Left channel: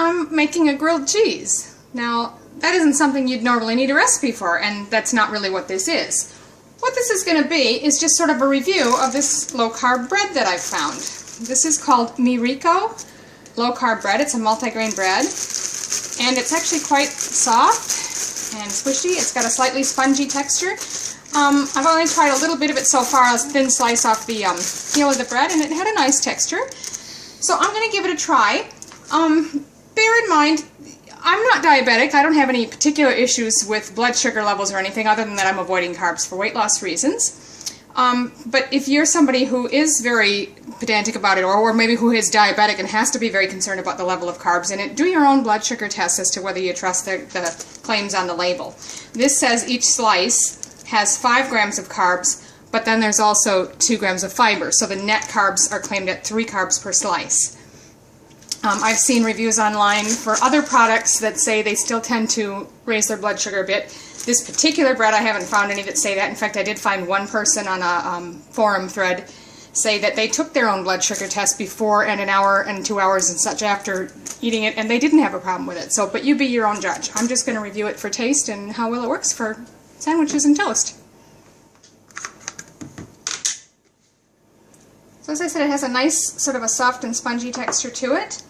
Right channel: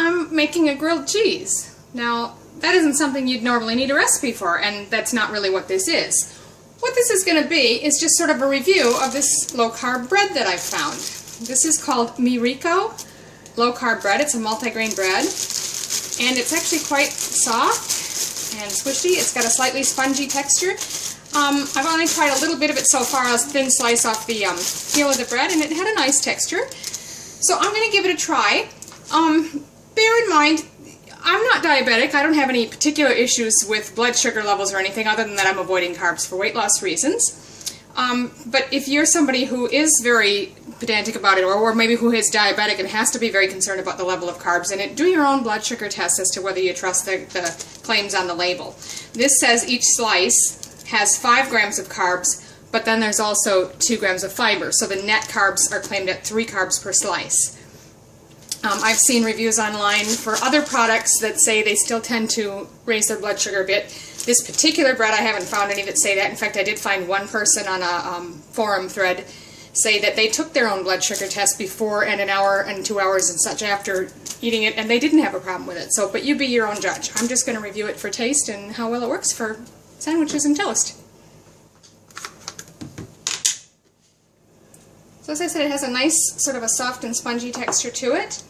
I'm making a grilled cheese. Now, that isn't something you'd normally need a recipe for, and that's not really what this is. What this is going to be is just sort of a review of this low-carb bread that I found. This is called MiRico low-carb bread. It's a multigrain bread, and it's actually quite soft and squishy. It's got a slightly spongy texture. I've only tried a little bit of it so far, a thin slice off the peel of the bread, and it had a nice texture. So I'm going to give it a try. Bear in mind, I'm not diabetic. I don't have any particular issues with blood sugar levels or anything other than that I'm avoiding carbs for weight loss reasons. But if you're somebody who is very pedantic about it, or maybe who is diabetic and has to be very concerned about the level of carbs in it, do your own blood sugar test as to whether you trust the claims on the label. This says each slice has 5 grams of carbs, but then there's also 2 grams of fiber, so the net carbs are claimed at 3 carbs per slice. I've seen reviews online for other products that say they still tend to raise their blood sugar a bit. This particular bread, I haven't found any that say that. In fact, I did find one person on a forum thread say that they took their own blood sugar test before and an hour and 2 hours and such after eating it, and they didn't have a problem with it. So, but you be your own judge. I'm just going to review it for taste and how well it works for sandwiches and toast. So as I said, it has a nice sort of a soft and spongy texture to it.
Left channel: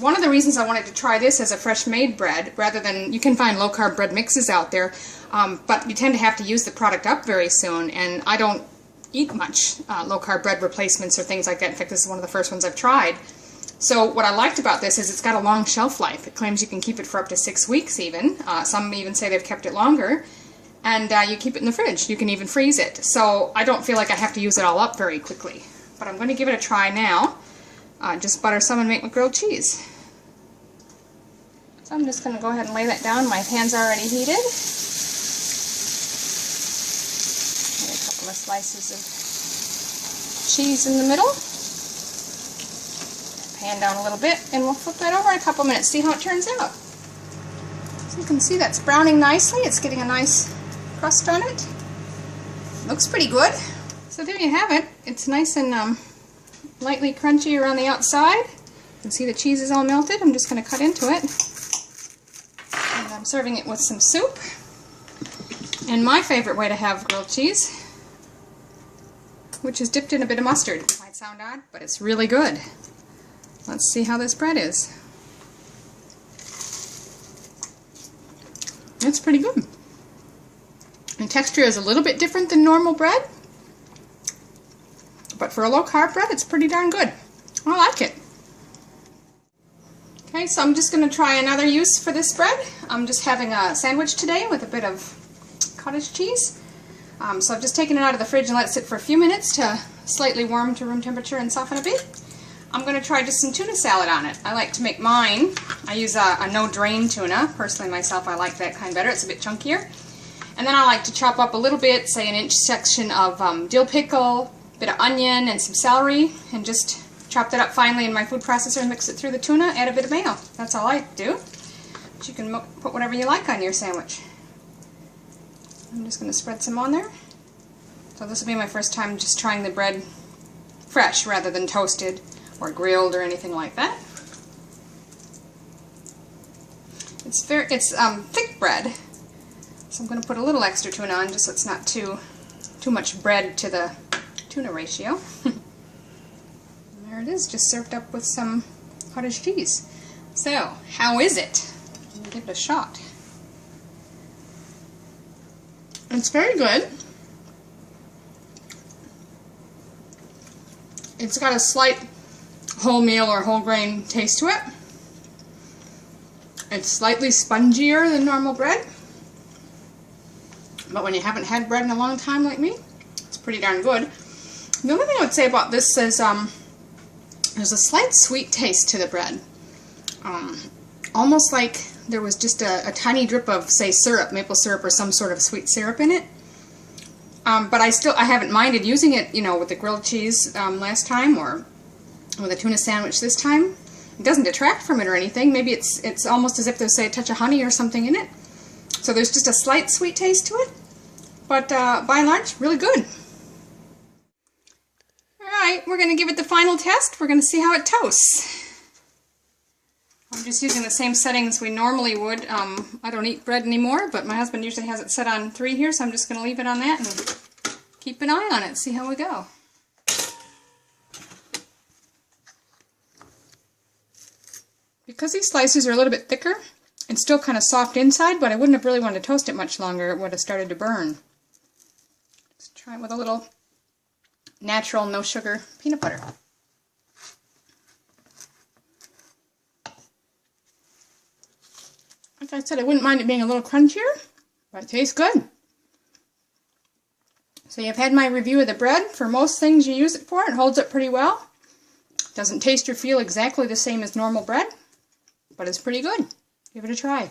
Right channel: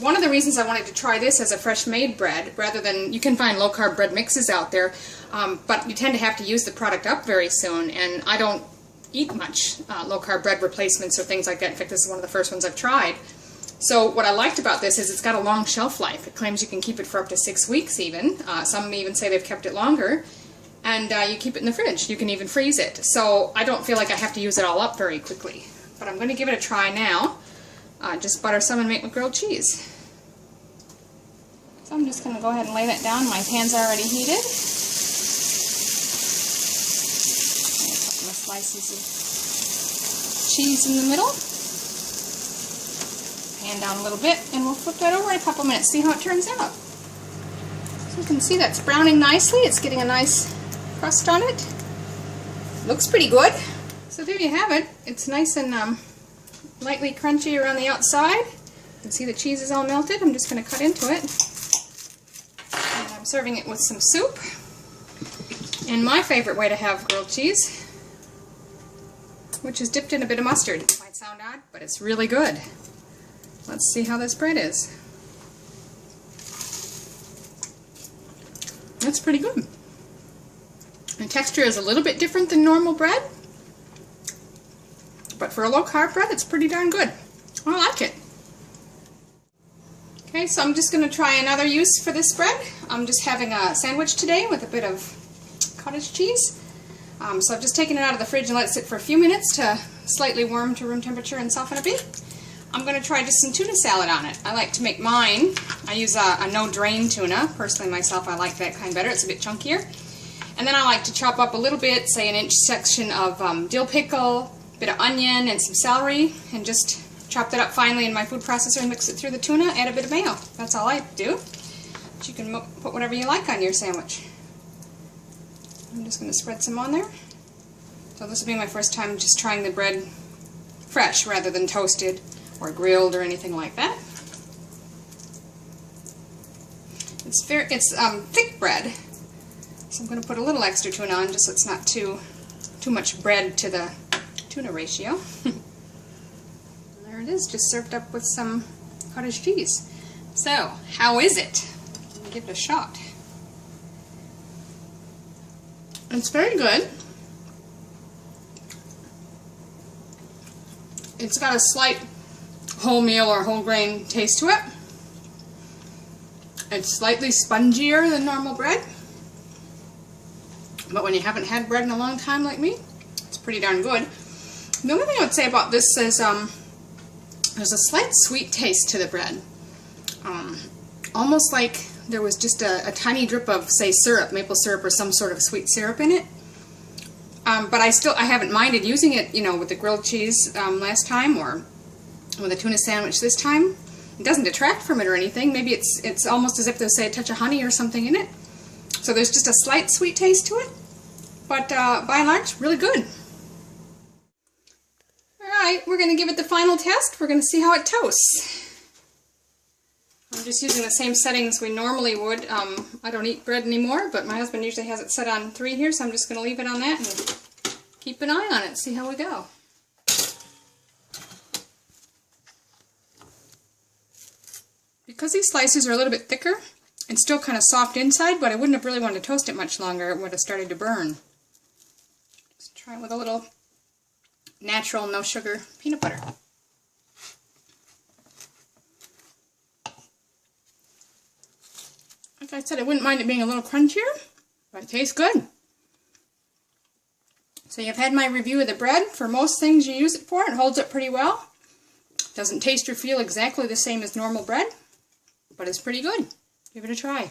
One of the reasons I wanted to try this as a fresh made bread, rather than, you can find low carb bread mixes out there, but you tend to have to use the product up very soon, and I don't eat much low carb bread replacements or things like that. In fact, this is one of the first ones I've tried. So what I liked about this is it's got a long shelf life. It claims you can keep it for up to 6 weeks even. Some even say they've kept it longer. And you keep it in the fridge. You can even freeze it. So I don't feel like I have to use it all up very quickly. But I'm going to give it a try now. Just butter some and make with grilled cheese. So I'm just going to go ahead and lay that down. My pan's already heated. And a couple of slices of cheese in the middle. Pan down a little bit, and we'll flip that over in a couple minutes, see how it turns out. So you can see that's browning nicely. It's getting a nice crust on it. Looks pretty good. So there you have it. It's nice and lightly crunchy around the outside. You can see the cheese is all melted. I'm just going to cut into it. And I'm serving it with some soup. And my favorite way to have grilled cheese, which is dipped in a bit of mustard. It might sound odd, but it's really good. Let's see how this bread is. It's pretty good. The texture is a little bit different than normal bread, but for a low-carb bread, it's pretty darn good. I like it. Okay, so I'm just going to try another use for this bread. I'm just having a sandwich today with a bit of cottage cheese. So I've just taken it out of the fridge and let it sit for a few minutes to slightly warm to room temperature and soften a bit. I'm going to try just some tuna salad on it. I like to make mine. I use a no-drain tuna. Personally, myself, I like that kind better. It's a bit chunkier. And then I like to chop up a little bit, say an inch section of dill pickle, a bit of onion, and some celery, and just chop that up finely in my food processor and mix it through the tuna, add a bit of mayo. That's all I do. But you can put whatever you like on your sandwich. I'm just going to spread some on there. So this will be my first time just trying the bread fresh rather than toasted or grilled or anything like that. It's thick bread, so I'm going to put a little extra tuna on just so it's not too much bread to the tuna ratio. There it is, just served up with some cottage cheese. So, how is it? Let me give it a shot. It's very good. It's got a slight wholemeal or whole grain taste to it. It's slightly spongier than normal bread, but when you haven't had bread in a long time like me, it's pretty darn good. The only thing I would say about this is there's a slight sweet taste to the bread, almost like there was just a tiny drip of, say, syrup, maple syrup or some sort of sweet syrup in it. But I haven't minded using it, you know, with the grilled cheese last time or with a tuna sandwich this time. It doesn't detract from it or anything. Maybe it's almost as if there's, say, a touch of honey or something in it. So there's just a slight sweet taste to it, but by and large, really good. Alright, we're going to give it the final test. We're going to see how it toasts. I'm just using the same settings we normally would. I don't eat bread anymore, but my husband usually has it set on 3 here, so I'm just going to leave it on that and keep an eye on it, see how we go. Because these slices are a little bit thicker, it's still kind of soft inside, but I wouldn't have really wanted to toast it much longer. It would have started to burn. Let's try it with a little natural, no sugar peanut butter. Like I said, I wouldn't mind it being a little crunchier, but it tastes good. So you've had my review of the bread. For most things you use it for, it holds up pretty well. Doesn't taste or feel exactly the same as normal bread, but it's pretty good. Give it a try.